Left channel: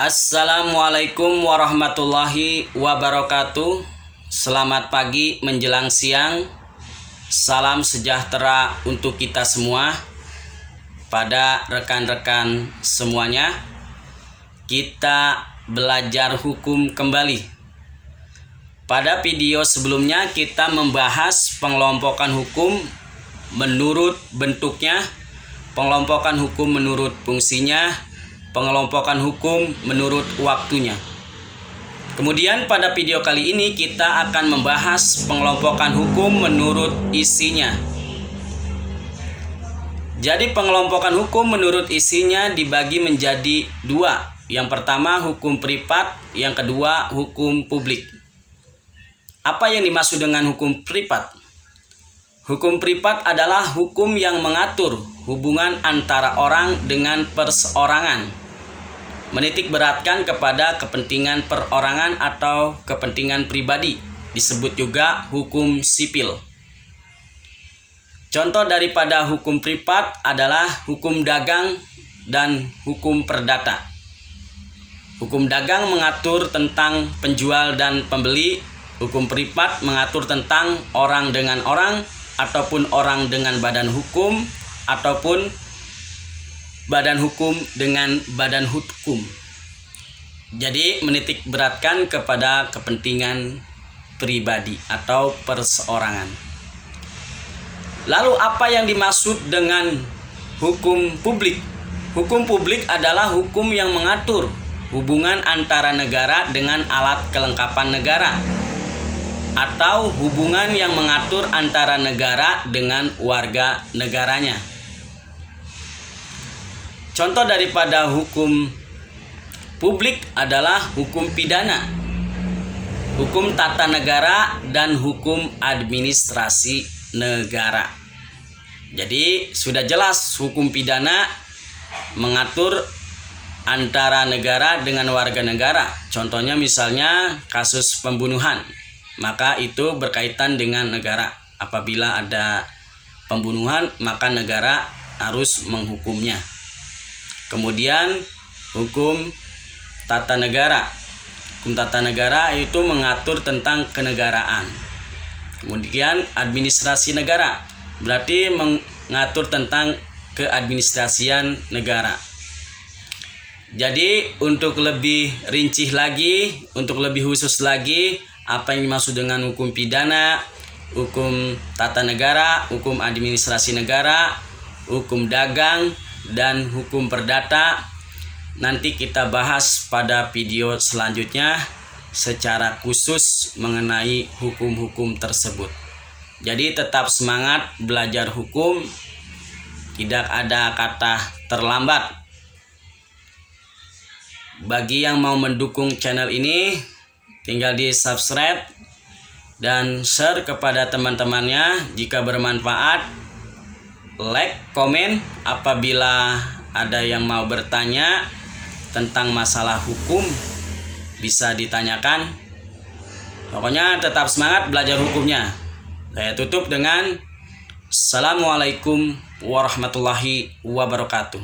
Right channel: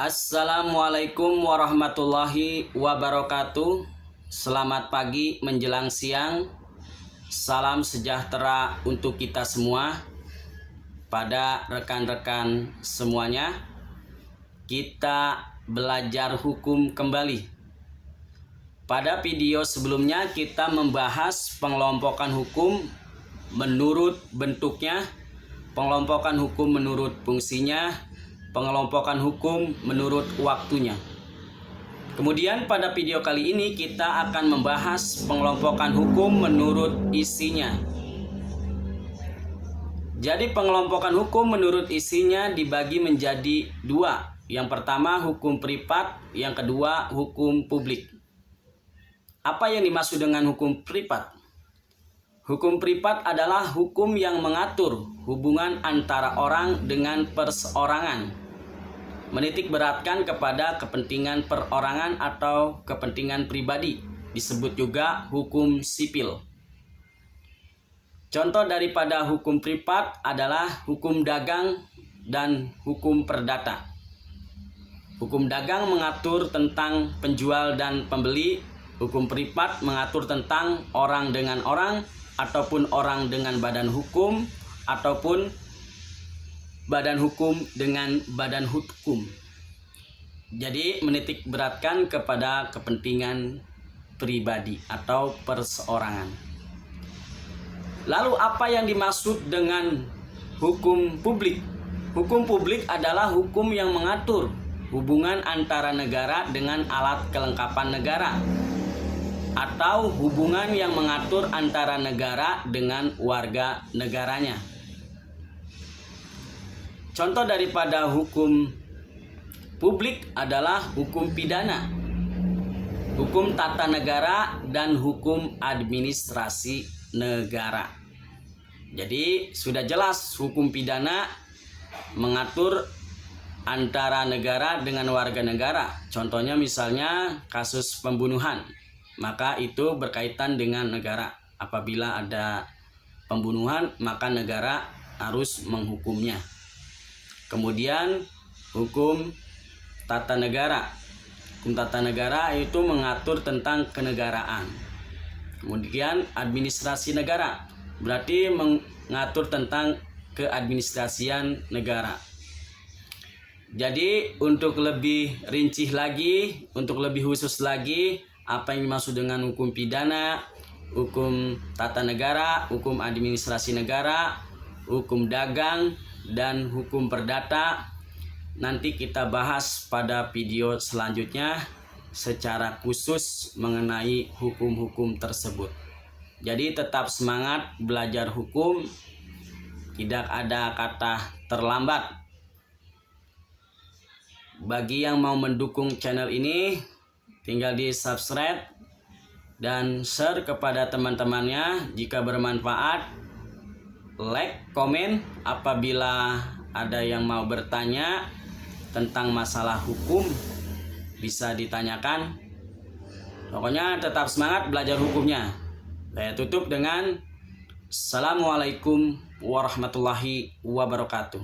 Assalamualaikum warahmatullahi wabarakatuh. Selamat pagi menjelang siang. Salam sejahtera untuk kita semua. Pada rekan-rekan semuanya, kita belajar hukum kembali. Pada video sebelumnya kita membahas pengelompokan hukum menurut bentuknya, pengelompokan hukum menurut fungsinya, pengelompokan hukum menurut waktunya. Kemudian pada video kali ini kita akan membahas pengelompokan hukum menurut isinya. Jadi pengelompokan hukum menurut isinya dibagi menjadi dua. Yang pertama hukum privat, yang kedua hukum publik. Apa yang dimaksud dengan hukum privat? Hukum privat adalah hukum yang mengatur hubungan antara orang dengan perseorangan, menitik beratkan kepada kepentingan perorangan atau kepentingan pribadi, disebut juga hukum sipil. Contoh daripada hukum privat adalah hukum dagang dan hukum perdata. Hukum dagang mengatur tentang penjual dan pembeli, hukum privat mengatur tentang orang dengan orang, ataupun orang dengan badan hukum, ataupun badan hukum dengan badan hukum. Jadi menitik beratkan kepada kepentingan pribadi atau perseorangan. Lalu apa yang dimaksud dengan hukum publik? Hukum publik adalah hukum yang mengatur hubungan antara negara dengan alat kelengkapan negara, atau hubungan yang mengatur antara negara dengan warga negaranya. Contoh daripada hukum publik adalah hukum pidana, hukum tata negara, dan hukum administrasi negara. Jadi sudah jelas hukum pidana mengatur antara negara dengan warga negara. Contohnya misalnya kasus pembunuhan, maka itu berkaitan dengan negara. Apabila ada pembunuhan, maka negara harus menghukumnya. Kemudian hukum tata negara. Hukum tata negara itu mengatur tentang kenegaraan. Kemudian administrasi negara berarti mengatur tentang keadministrasian negara. Jadi untuk lebih rinci lagi, untuk lebih khusus lagi, apa yang dimaksud dengan hukum pidana, hukum tata negara, hukum administrasi negara, hukum dagang, dan hukum perdata, nanti kita bahas pada video selanjutnya secara khusus mengenai hukum-hukum tersebut. Jadi tetap semangat belajar hukum, tidak ada kata terlambat. Bagi yang mau mendukung channel ini, tinggal di subscribe dan share kepada teman-temannya jika bermanfaat. Like, komen apabila ada yang mau bertanya tentang masalah hukum, bisa ditanyakan. Pokoknya tetap semangat belajar hukumnya. Saya tutup dengan Assalamualaikum warahmatullahi wabarakatuh.